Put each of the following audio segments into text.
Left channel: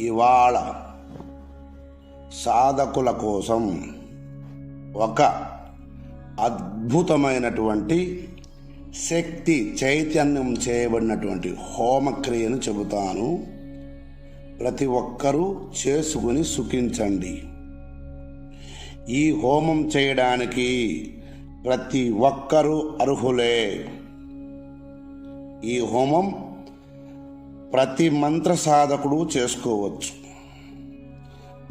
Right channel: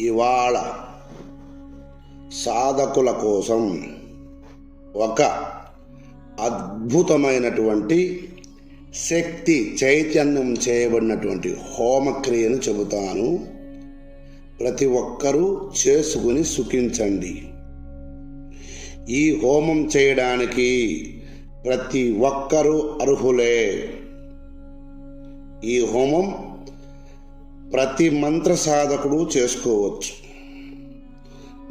ఇవాళ సాధకుల కోసం ఒక అద్భుతమైనటువంటి శక్తి చైతన్యం చేయబడినటువంటి హోమక్రియను చెబుతాను. ప్రతి ఒక్కరూ చేసుకుని సుఖించండి. ఈ హోమం చేయడానికి ప్రతి ఒక్కరూ అర్హులే. ఈ హోమం ప్రతి మంత్ర సాధకుడు చేసుకోవచ్చు.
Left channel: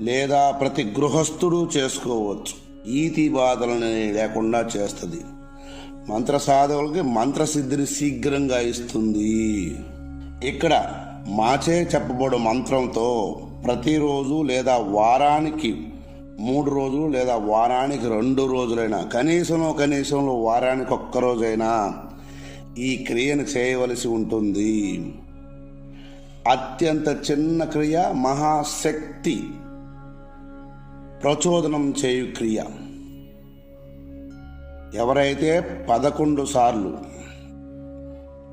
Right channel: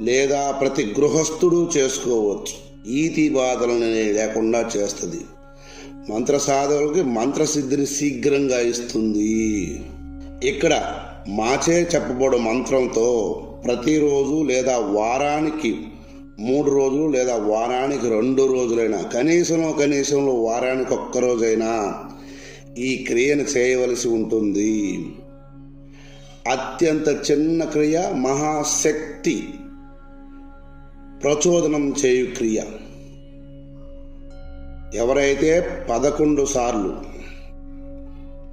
లేదా ప్రతి గృహస్థుడు చేసుకోవచ్చు. ఈతి బాధలని లేకుండా చేస్తుంది. మంత్ర సాధకులకి మంత్రసిద్ధిని శీఘ్రంగా ఇస్తుంది. ఇక్కడ మాచే చెప్పబడు మంత్రంతో ప్రతిరోజు లేదా వారానికి మూడు రోజులు లేదా వారానికి రెండు రోజులైనా కనీసంలో కనీసంలో వారానికి ఒక్కరోజైనా ఈ క్రియను చేయవలసి ఉంటుంది. అత్యంత చిన్న క్రియ మహాశక్తి ప్రచోదనం చేయు క్రియ. ఎవరైతే పదకొండు సార్లు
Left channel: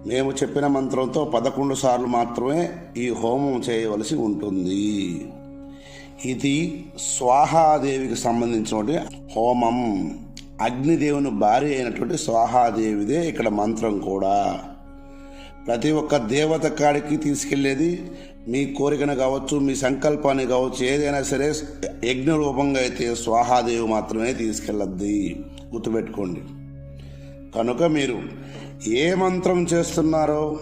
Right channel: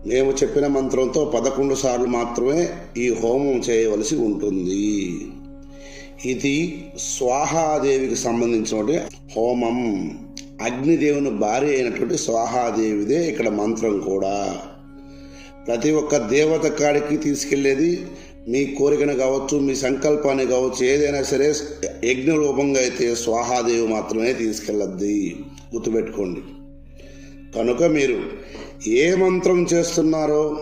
మేము చెప్పిన మంత్రంతో పదకొండు సార్లు మాత్రమే ఈ హోమం చేయవలసి ఉంటుంది. ఇది స్వాహాదేవికి సంబంధించినటువంటి హోమం. అగ్నిదేవుని భార్య అయినటువంటి స్వాహాదేవిదే ఇక్కడ మంత్రం కూడా. ప్రతి ఒక్క దేవత కాడికి తీసుకెళ్ళేది మీ కోరికను కావచ్చు మీ సంకల్పాన్ని కావచ్చు ఏదైనా సరే యజ్ఞ రూపంగా అయితే స్వాహాదేవి మాత్రమే తీసుకెళ్ళద్ది. గుర్తుపెట్టుకోండి. కనుక మీరు ఏ మంత్రం చేస్తున్నారో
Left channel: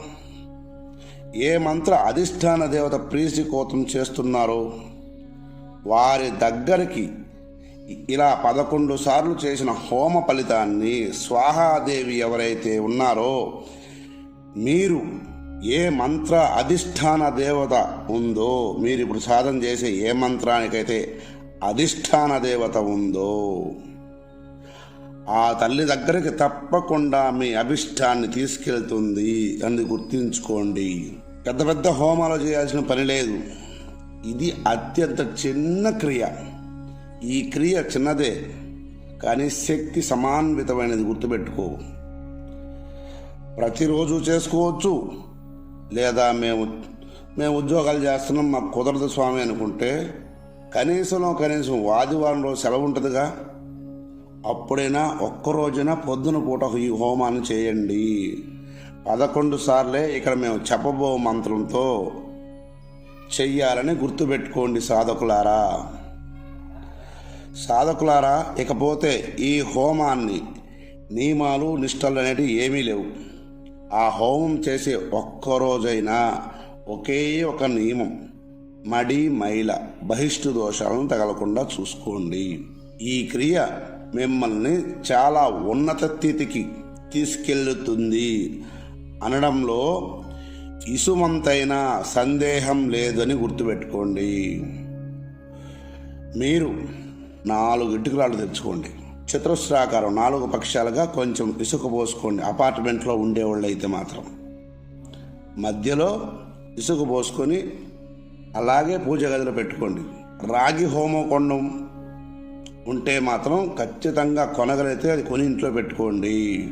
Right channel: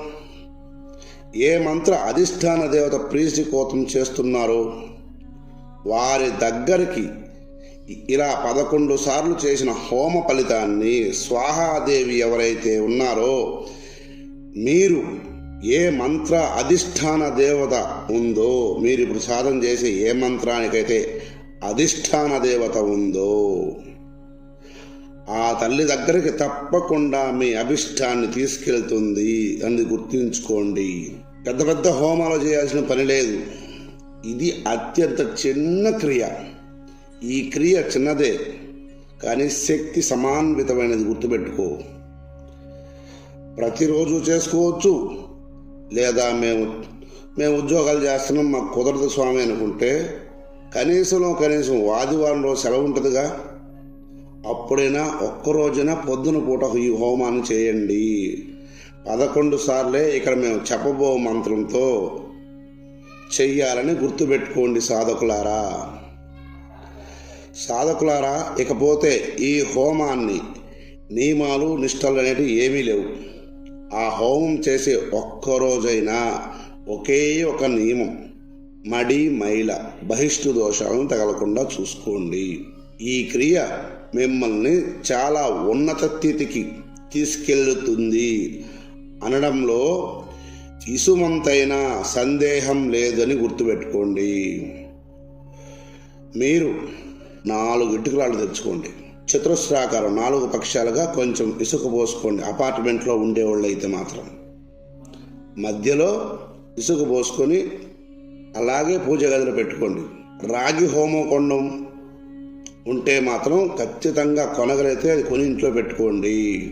ఏ మంత్ర అధిష్టాన దేవత ప్రీతి కోతం చేస్తున్నారో వారి దగ్గరికి ఇలా పదకొండు సార్లు చేసిన హోమ ఫలితాన్ని స్వాహాదేవి ఎవరైతే ఉన్నారో మీరు ఏ మంత్ర అధిష్టాన దేవత ఉందో మీరు ఇప్పుడు సాధన చేసే ఏ మంత్రానికైతే అధిష్టాన దేవత ఉందో ఆ తల్లి దగ్గరికి తప్పకుండా మీ అభిష్టాన్ని తీసుకెళ్తుంది అని గుర్తుంచుకోండి. పెద్ద పెద్ద హోమాలు చేయాల్సిన పని లేదు. ఇది అత్యంత చిన్న క్రియ. ఈ క్రియ చిన్నదే కానీ శక్తి సమాన్వితమైనది గుర్తుపెట్టుకో. ప్రతిరోజు చేసుకోవచ్చు. లేదా మేము మేము ఉద్యోగాలు చేస్తున్నాం మాకు కుదరదు స్వామి అనుకుంటే కనీసంలో కనీసం ఆదివారంలో సెలవు ఉంటుందిగా. అప్పుడైనా ఒక్క రోజున పొద్దున పూట ఈ హోమాన్ని చేయండి. పదకొండు సార్లే ఇక్కడ మేము చెప్పబో మంత్రంతో చెయ్యాలని గుర్తుపెట్టుకోండి సాధకులారా. సాధకులారా ఇకపోతే ఈ హోమాన్ని నియమాలు నిష్టలు అనేటివి ఏమీ లేవు. ఆ హోమం చేసే ఒక్క రోజైనా ఒకే ఒక నియమం. మడి మైల బహిష్టు దోషాలను తగలకుండా చూసుకోండి. ఈ క్రియ మిమ్మల్ని చాలా ఉన్నత స్థితికి తీసుకెళ్తుంది అనడంలో ఇసుమంతైన సందేహం లేదని గుర్తుపెట్టుకోండి. మీరు నాలుగు ఇటుకరాళ్ళు తెచ్చుకోండి. చతురస్రాకారం నాలుగు పక్షాలుగా కొంచెం ఇసుక పోసుకోండి. అపార్ట్మెంట్లో ఉండేవాళ్ళు అయితే మాత్రం. మధ్యలో ఇసుక పోసుకొని అలాగే పూజ గదిలో పెట్టుకోండి. రాగి హోమకొండం ఉంటే మాత్రం ఖచ్చితంగా కొనగలిగితే అది కొని ఇంట్లో పెట్టుకోండి.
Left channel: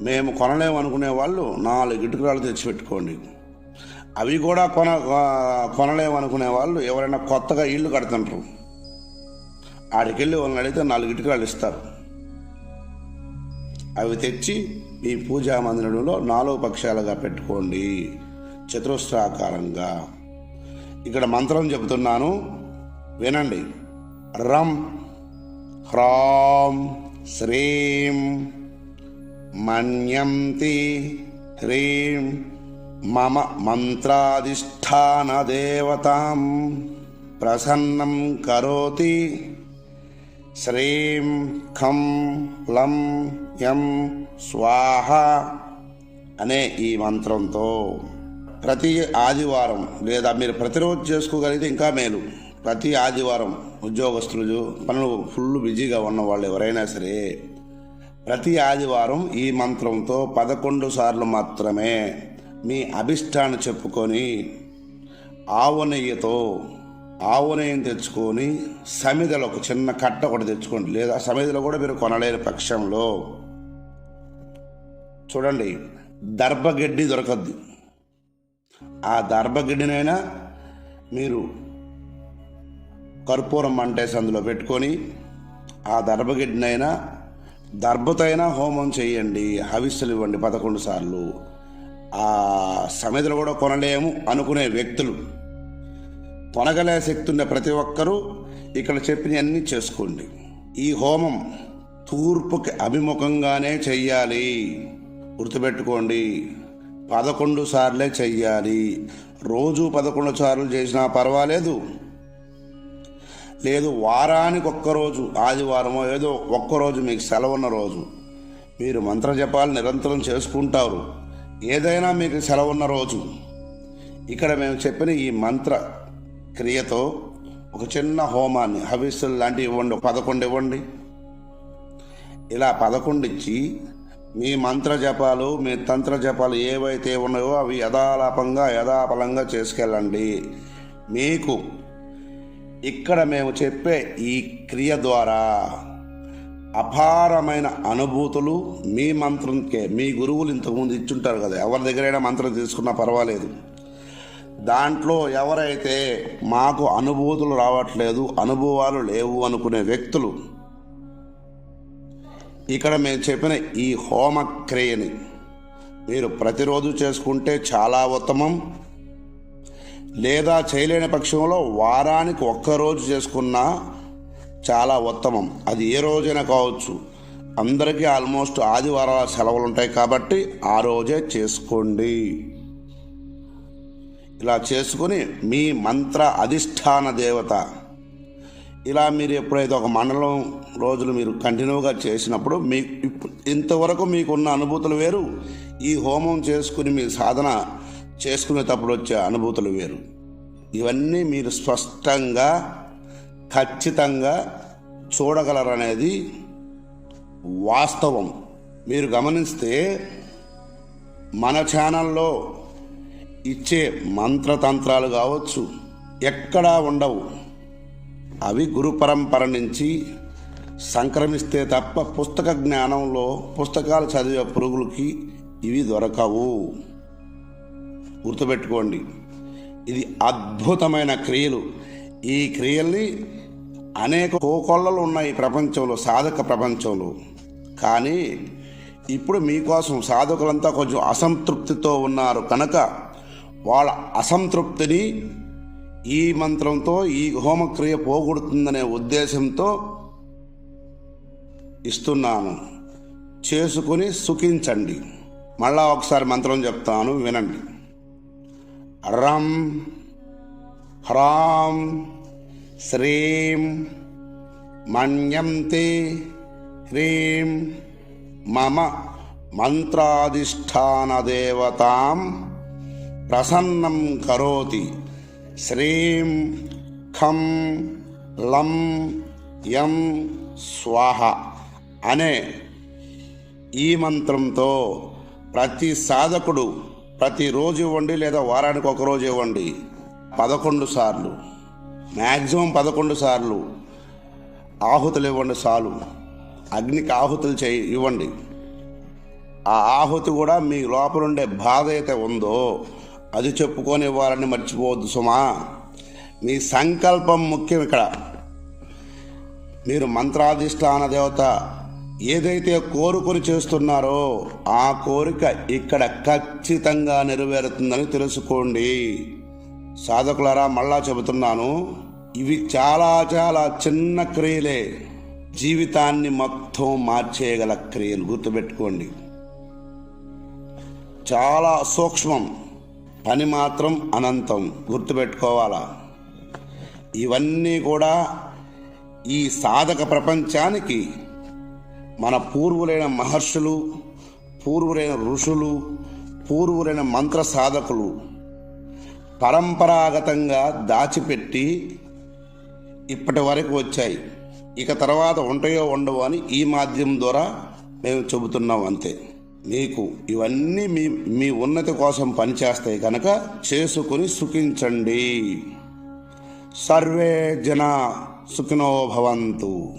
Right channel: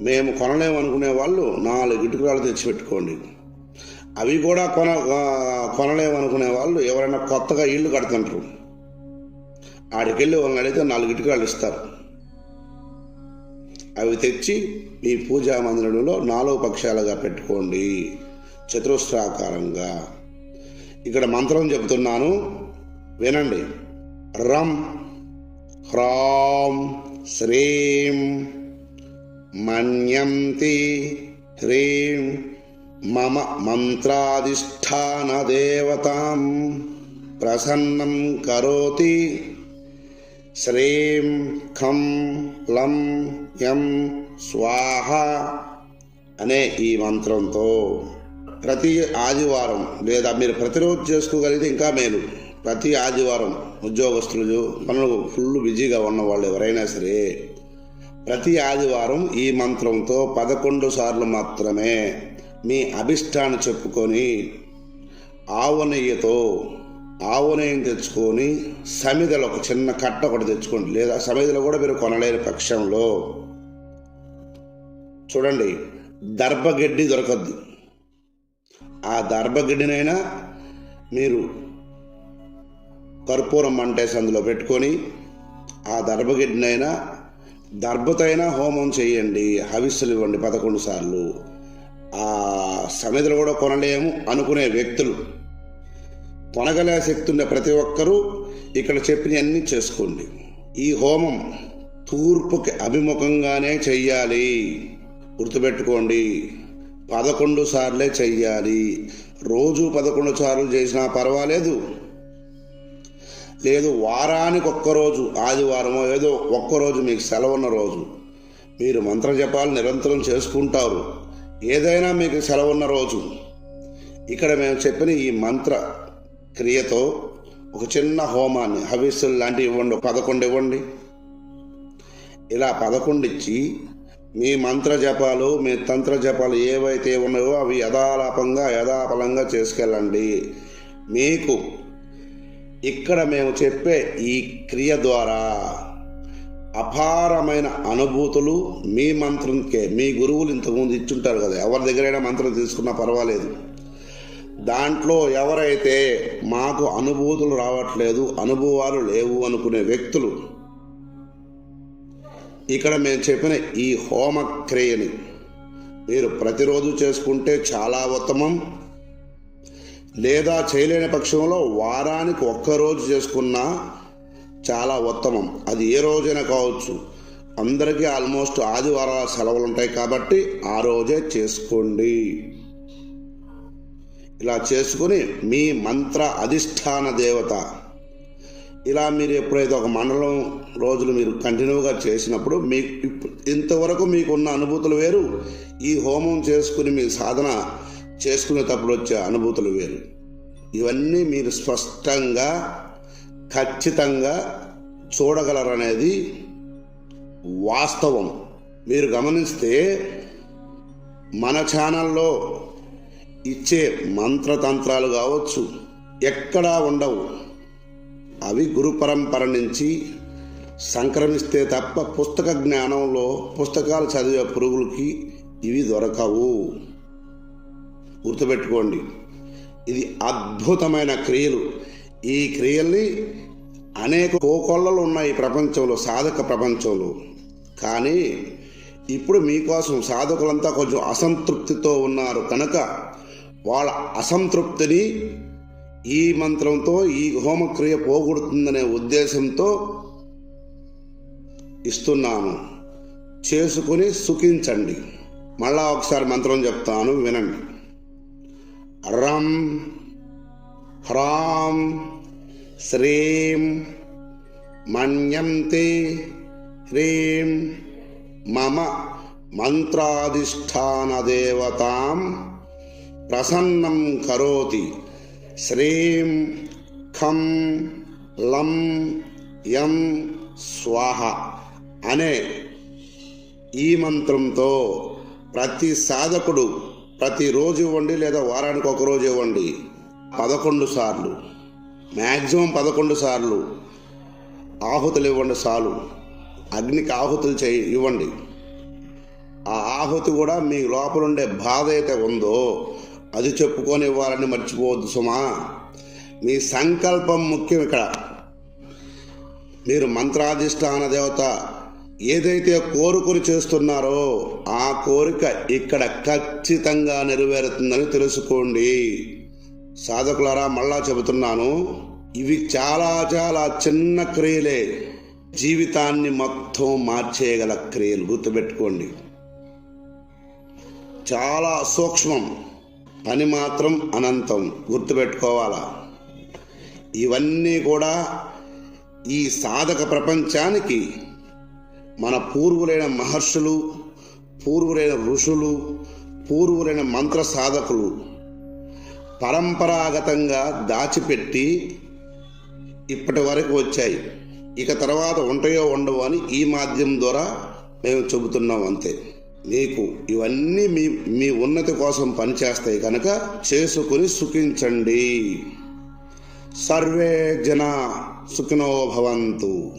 మేము కొనలేము అనుకునే వాళ్ళు నాలుగు ఇటుకరాలు తెచ్చి పెట్టుకోండి. అవి కూడా కొన కొనలేమనుకునే వాళ్ళు ఎవరైనా కొత్తగా ఇల్లు కడుతుంటారు. ఆడికెళ్ళి వాళ్ళని అడిగితే నాలుగు ఇటుకరాలు ఇస్తారు. అవి తెచ్చి మీ పూజా మందిరంలో నాలుగు పక్షాలుగా పెట్టుకోండి చతురస్రాకారంగా. ఇక్కడ మంత్రం చెబుతున్నాను వినండి. రం హ్రాం శ్రీం మన్యంతి హ్రీం మమ మంత్రాధిష్టాన దేవత ప్రసన్నం కరోతి. శ్రీం ఖం లం యం స్వాహ అనే ఈ మంత్రంతో ప్రతి ఆదివారం లేదా మీరు ప్రతిరోజు చేసుకోగలిగితే ఇంకా మేలు. ప్రతి ఆదివారం ఉద్యోగస్తులు పనులు ఫుల్ బిజీగా ఉన్న వాళ్ళు ఎవరైనా సరే ప్రతి ఆదివారం ఈ మంత్రంతో పదకొండు సార్లు మాత్రమే మీ అభిష్టాన్ని చెప్పుకొని ఆవు నెయ్యితో ఆవు తెచ్చుకొని సమిదలో ఒక చిన్న కట్ట ఒకటి తెచ్చుకోండి. లేదా సమిదలో కూడా మీరు కొనలేని పక్షంలో. చూడండి దర్భగడ్డి దొరకద్దు. ఆ దర్భగడ్డినైనా మీరు కర్పూరం మంటేసి అందులో పెట్టుకొని ఆ దర్భగడ్డినైనా దర్భతైనా హోమం చేయండి హవిస్సులు ఇవ్వండి పదకొండు సార్లు. ఆ సమిధలు కూడా కొనలేము అనుకునే వ్యక్తులు. పొనగలే శక్తి ఉన్న ప్రతి ఒక్కరూ ఇక్కడ చెప్పినవన్నీ చేసుకోండి. ఈ హోమం తూర్పుకి అభిముఖంగానే చెయ్యాలి. గుర్తుపెట్టుకోండి. పదకొండు సార్లే చెయ్యాలి. రోజు పదకొండు సార్లు చేసినా పర్వాలేదు. లేదు వారానికి ఒక్కరోజు ఆదివారమో ఏదో ఒక్కరోజు మీకు సెలవు ఉన్న రోజు. మీరు మంత్ర జపాలు నిరంతరం చేసుకుంటారు. ఏదైనా మీకు సెలవున్న రోజు. ఇక్కడ మేము చెప్పిన ఈ మంత్ర క్రియతో ఒక చిన్న హోమాన్ని హవిస్సులు లాంటివి ఇవ్వండి పదకొండు ఇవ్వండి. ఇలా పదకొండు ఇచ్చి మీ మంత్ర జపాలు మీ తంత్ర జపాలు ఏవైతే ఉన్నాయో అవి యథాలాపంగా యథాఫలంగా చేసుకెళ్ళండి. మీకు ఇక్కడ మేము చెప్పే ఈ క్రియ ద్వారా అపారమైన అనుభూతులు మీ మంత్రంకే మీ గురువులు ఇంతకుముందు ఇచ్చుంటారు కదా ఎవరి దగ్గరైనా మంత్రం తీసుకున్నా పర్వాలేదు. దాంట్లో ఎవరైతే మాకు అనుభూతులు రావట్లేదు అనుభవాలు లేవు అనుకునే వ్యక్తులు ఇక్కడ మేము చెప్పిన ఈ హోమ క్రియని మీరు ప్రతిరోజు చేసుకుంటే చాలా ఉత్తమం. లేదా చేయలేని పక్షంలో వారానికి ఒక్కరోజు చేసుకున్నా చాలా ఉత్తమం. అది ఏ రోజైనా కావచ్చు. అందరికీ ఆల్మోస్ట్ ఆదివారాల సెలవులు ఉంటాయి కాబట్టి ఆ రోజే చేసుకోండి. ఇలా చేసుకుని మీ మంత్ర అధిష్టాన దేవత. ఇలా మీరు ఎప్పుడైతే ఒక మండలం రోజులు మీరు కంటిన్యూగా చేసినప్పుడు మీకు ఇంతవరకు మీకున్న అనుభూతులు వేరు. ఈ హోమం చేసుకుని మీ సాధన చేసుకునేటప్పుడు వచ్చే అనుభూతులు వేరు. ఇవన్నీ మీరు స్పష్టంగా ఖచ్చితంగా చూడగలరనేది వాస్తవం. మీరు గమనిస్తే మన ఛానల్లో ఇచ్చే మంత్రతంత్రాలు కావచ్చు ఎక్కడా ఉండవు. అవి గురు పరంపర నుంచి సంక్రమిస్తే తప్ప పుస్తక జ్ఞానంలో పుస్తకాలు చదివే పురుగులకి ఇవి దొరకవు. గుర్తుపెట్టుకోండి ఇది అద్భుతమైన క్రియలు. ఈ క్రియల్ని అనేక కోకొల్లలు ఉన్నాయి ప్రపంచంలో సాధక ప్రపంచంలో. కానీ ఇప్పుడు మీకోసం సాధకులంతా కొంచెం అసంతృప్తితో ఉన్నారు. కనుక వాళ్ళ అసంతృప్తిని ఈ మంత్రంతో ఈ హోమక్రియ పోగొడుతుందనే ఉద్దేశంతో ఇస్తున్నాను. చేసుకుని సుఖించండి. మళ్ళా ఒకసారి మంత్రం చెప్తాను వినండి. రం హ్రాం శ్రీం మన్యంతే హ్రీం మమ మంత్రాధిష్టాన దేవతాం ప్రసన్నం కరోతి శ్రీం ఖం లం యం స్వాహ అనే ఈ మంత్రంతో ప్రతి సాధకుడు ప్రతిరోజు ఇవ్వండి లేదా వారానికి ఒక రోజు ఇవ్వండి. పదకొండు సార్లు. మ్యాక్సిమం పదకొండు సార్లు ఆహుతులు ఇవ్వండి చాలు. అగ్నికి ఆహుతులు చేయి ఇవ్వండి. ఆ ఆహుతి కూడా మీ లోపల ఉండే బాధ అయితే ఉందో అది చెప్పుకొని వారిని మర్చిపోవద్దు సుమా. మీ సంకల్పం ముఖ్యం ఇక్కడ. మీరు మంత్రాధిష్టాన దేవత ఏదైతే కోరుకుని చేస్తున్నారో ఆ కోరిక ఇక్కడ ఖచ్చితంగా నెరవేరుతుందని తెలుసుకోండి. సాధకులారా మళ్ళా చెబుతున్నాను ఇవి చాలా చాలా చిన్న క్రియలే. జీవితాన్ని మొత్తం మార్చేయగల క్రియలు గుర్తుపెట్టుకోండి. చాలా సూక్ష్మం. పని మాత్రం అనంతం. గుర్తుపెట్టుకోవాలా? ఇవన్నీ కూడా ఈ సాధక ప్రపంచానికి మన పూర్వులైన మహర్షులు పూర్వులైన ఋషులు పూర్వులైన మంత్ర సాధకులు పరంపరాగతంగా దాచిపెట్టి ఇప్పటి వరకు వచ్చాయి. ఇక తర్వాత ఉంటాయో ఉండవు అని ఈ మాధ్యమం ద్వారా మేము చెబుతున్నాం అంతే. మీకు ఇవన్నీ మీ మీ ఉన్నతి కోసం పనిచేస్తాయి కనుక చేసుకుని సుఖించండి. సర్వే జన సుఖినో భవంతు.